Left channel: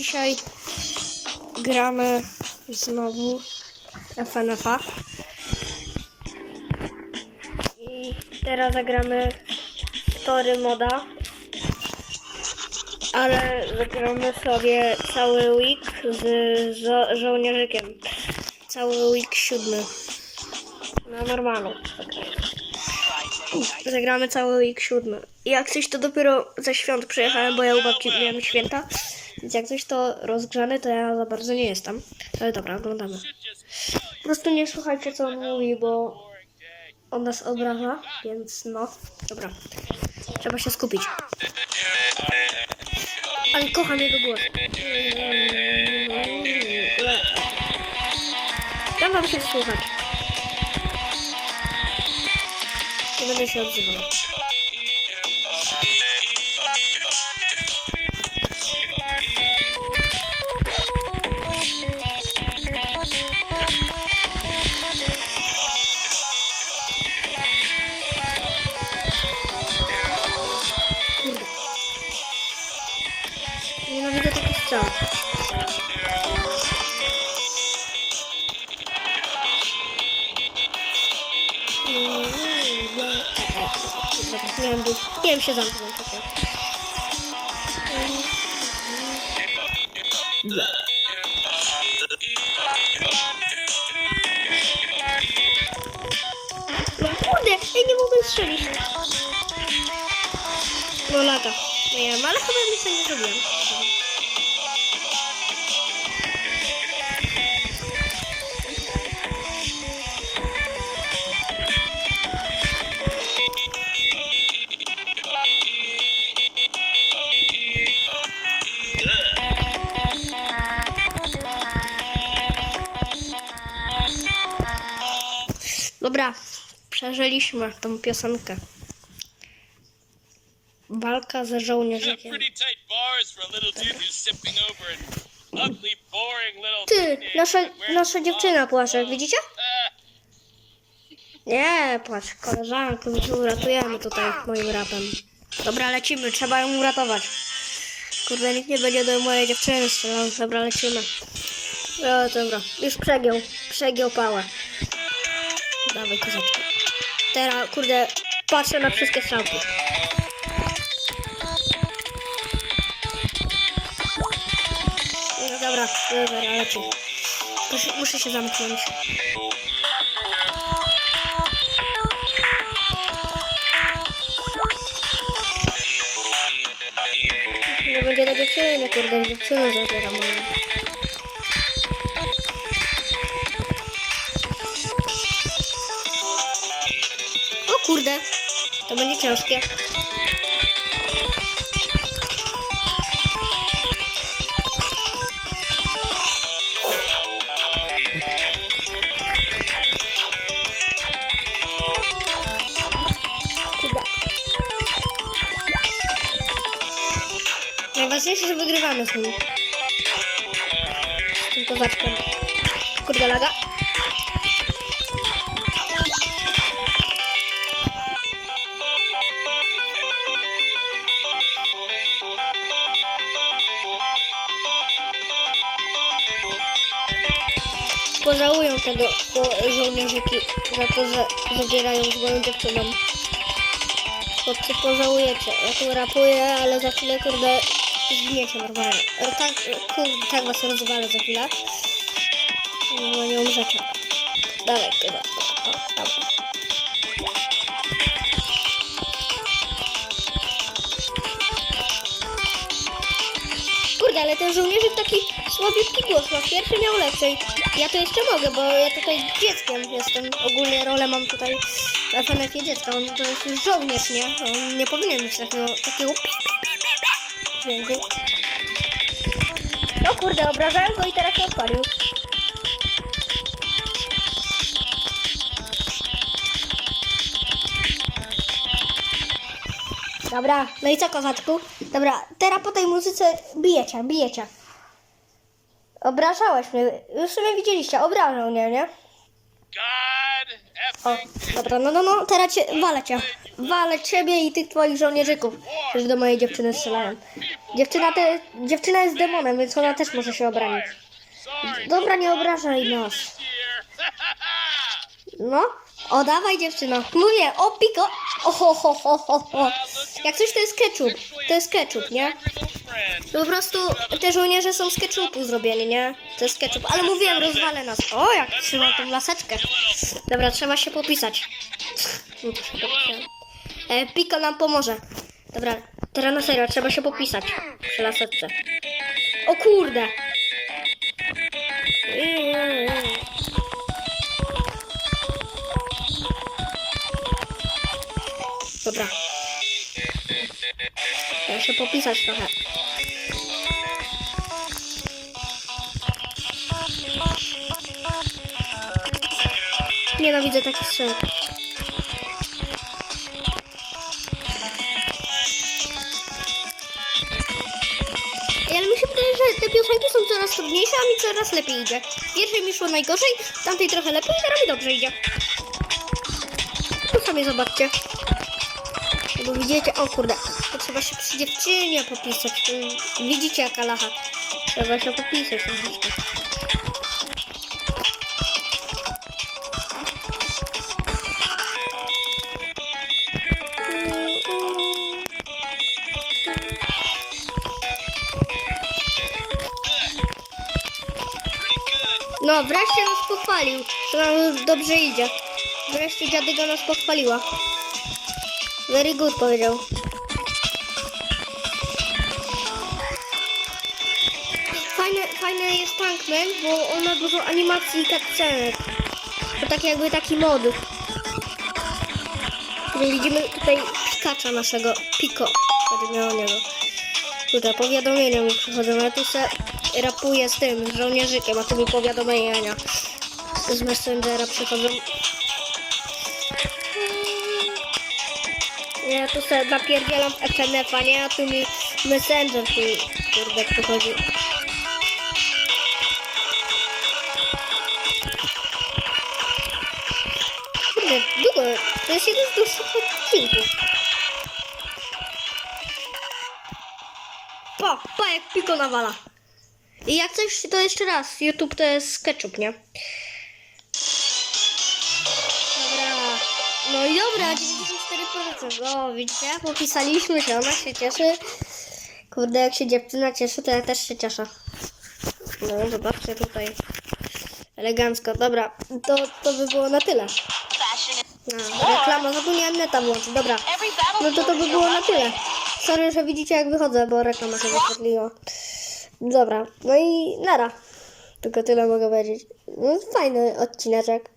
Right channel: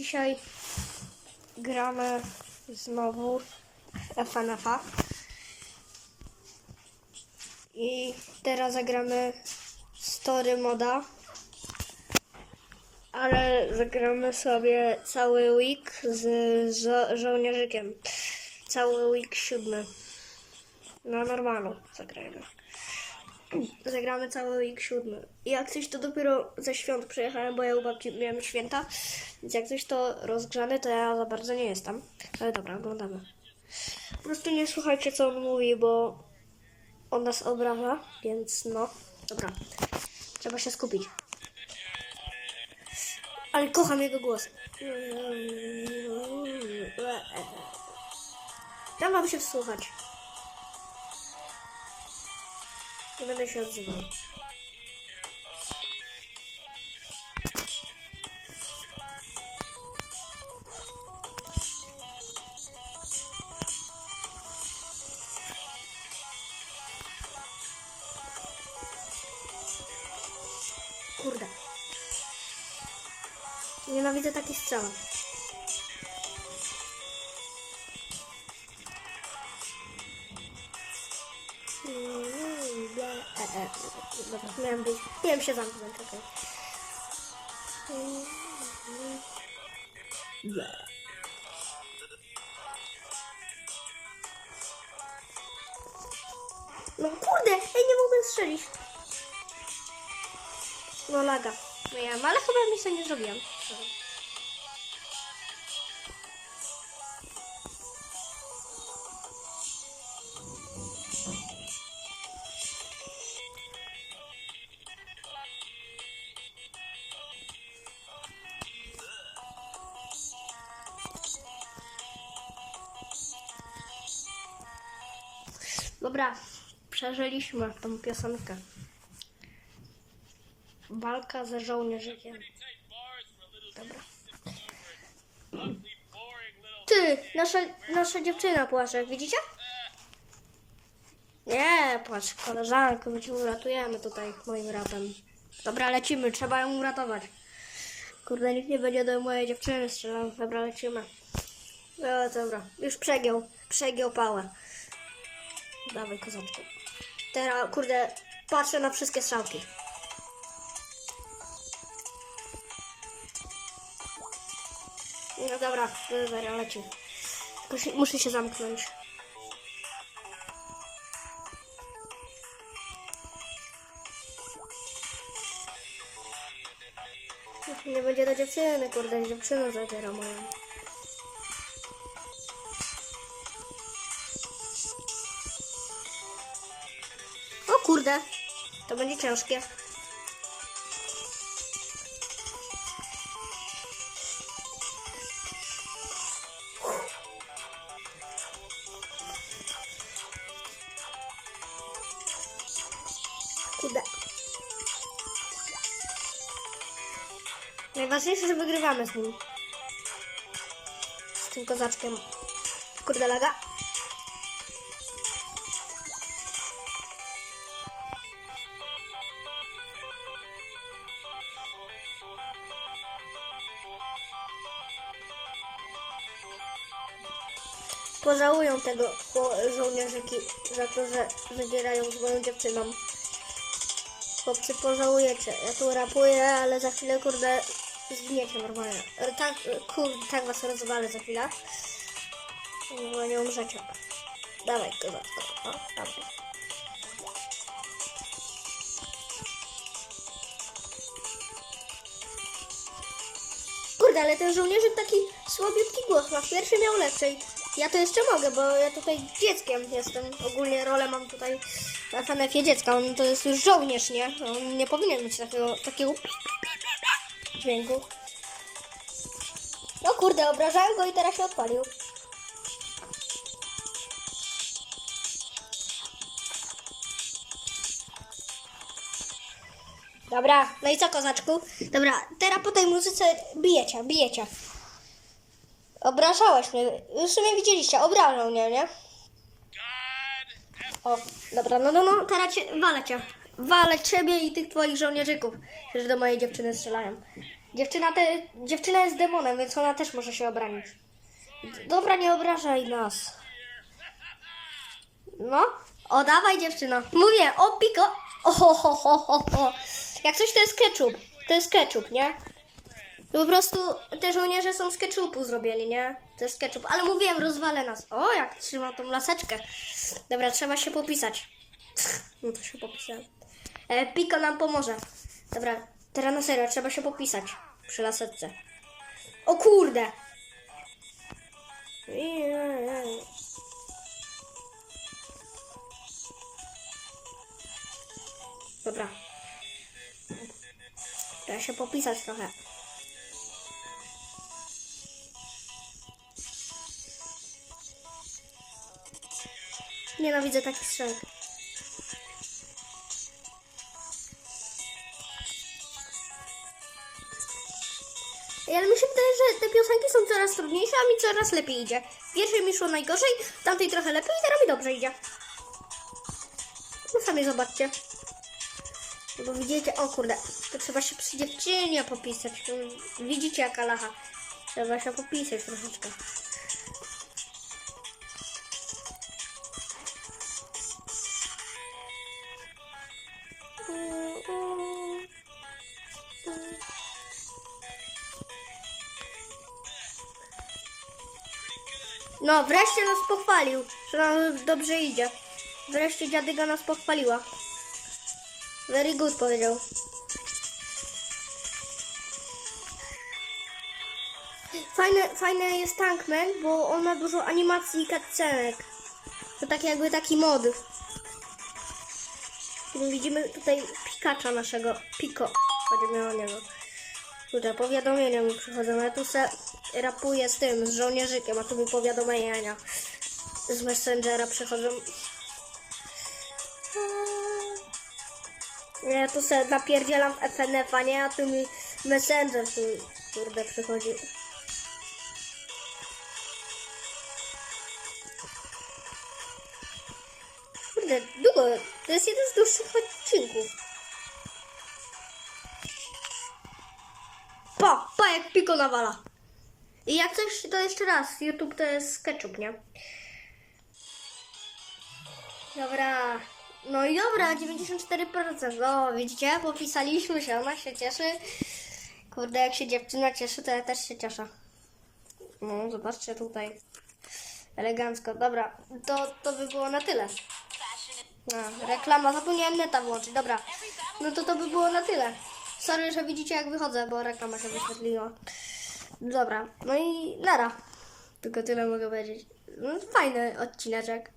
Dzisiaj gramy znowu FNF-a. I teraz zagramy story moda. Ale zagramy sobie cały week z żo- żołnierzykiem. Cały week siódmy. Na zagramy. Zagramy cały week siódmy. I jak coś to dopiero ze świąt przyjechałem, bo ja u babci miałem święta. Więc jak coś to rozgrzany, to ja za bardzo nie jestem. Ale dobra, oglądamy. Po prostu nie słuchajcie co on mówi, bo on nas obraża, więc no, dobra. Trzeba się skupić. Ale kocham jego głos. Dam wam się słuchać. Nie będę się odzywał. Strzał. Dobra, być. Miałem się zamknąć, okej. No kurde, ej, nie mogłem strzelić. No laga. Miałem, ale chyba nic nie zrobiłem. Dobra, przeżyliśmy tą piosenkę. Walka ze żołnierzykiem. Ty, nasza, nasza dziewczyna płacze, widzicie? Nie, płacz, koleżanko, my cię uratujemy tutaj moim rapem. Dobra, lecimy, trzeba ją uratować. Kurde, nikt nie będzie do mojej dziewczyny strzelał. Dobra, lecimy. No, dobra, już przegiął, przegiął pałę. Dawaj, kozaczku. Teraz, kurde, patrzę na wszystkie strzałki. No dobra, dobra, leci. Muszę, się zamknąć. Nie będzie do dziewczyny, kurde, dziewczynę zabiera moją. Kurde, to będzie ciężkie. Najważniejsze, że wygrywamy z nim. Z tym kozaczkiem. Kurde laga. Pożałują tego żołnierzyki za to, że zabierają z moją dziewczyną. Chłopcy, pożałujecie. Ja tu rapuję, ale za chwilę, kurde, zginiecie normalnie. E, Tak, e, kurde, tak was rozwalę za chwilę. No nie umrzecie. Dawaj, kurde. O. Kurde, ale ten żołnierzyk taki słabiutki głos ma. Pierwszy miał lepszy. Ja to jeszcze mogę, bo ja tutaj dzieckiem jestem. Ogólnie rolę mam tutaj w FNF-ie dziecka. On to jest już żołnierz, nie? On nie powinien mieć takiego, takiego dźwięku. No kurde, obrażałem go i teraz się odpalił. Dobra, no i co kozaczku? Dobra, teraz po tej muzyce bijecie, bijecie. Obrażałeś mnie, już sumie widzieliście, obrażał mnie, nie? O, dobra, no, no, no, teraz cię, walę cię. Walę ciebie i tych twoich żołnierzyków, którzy do mojej dziewczyny strzelają. Dziewczyna, te, dziewczyna jest demonem, więc ona też może się obronić. Dobra, nie obrażaj nas. No, o dawaj dziewczyno. Mówię, o piko. O, ho, ho, ho, ho, ho. Jak coś to jest ketchup. To jest ketchup, nie? Friend. Po prostu te żołnierze są z ketchupu zrobieni, nie? To jest ketchup. Ale mówiłem, rozwalę nas. O, jak trzyma tą laseczkę. Dobra, trzeba się popisać. No to się popisałem. E, Piko nam pomoże. Dobra, teraz na serio, trzeba się popisać przy laseczce. O kurde! Dobra. Trzeba się popisać trochę. Nienawidzę takich strzałek. Ej, Ale mi się wydaje, że te piosenki są coraz trudniejsze, a mi coraz lepiej idzie. Pierwszej mi szło najgorzej, tamtej trochę lepiej, teraz mi dobrze idzie. Tu sami zobaczcie. Bo widzicie, o kurde, to trzeba się przy dziewczynie popisać. Widzicie jaka lacha. Trzeba się popisać troszeczkę. No, wreszcie nas pochwalił, że nam dobrze idzie. Wreszcie dziadyga nas pochwaliła. Very good powiedział. Fajne, fajne jest Tankman, bo on ma dużo animacji i cutscenek. To tak jakby taki mod. Widzimy tutaj Pikacza naszego. Piko. Będzie miało niego. Tutaj powiadomienia mi przychodzą. Ja tu rapuję z tym, z żołnierzykiem, a tu mi powiadomienia z Messengera przychodzą. Ja tu sobie napierdzielam FNF-a, nie? A tu mi Messenger mi, kurde przychodzi. Kurde, długo. To jest jeden z dłuższych odcinków. Pa, pa jak piko nawala. I jak coś, to jeszcze raz. YouTube to jest ketchup, nie? Dobra. No i dobra, 94%. No, widzicie? Popisaliśmy się, ona się cieszy. Kurde, jak się dziewczyna cieszy, to ja też się cieszę. No, zobaczcie tutaj. Elegancko. Dobra, to, to by było na tyle. A, reklama, zapomniałem neta włączyć. Dobra, no to to by było na tyle. Sorry, że widzicie jak wychodzę, bo reklama się wyświetliła. Dobra, no i nara. Tylko tyle mogę powiedzieć. No, fajny odcineczek.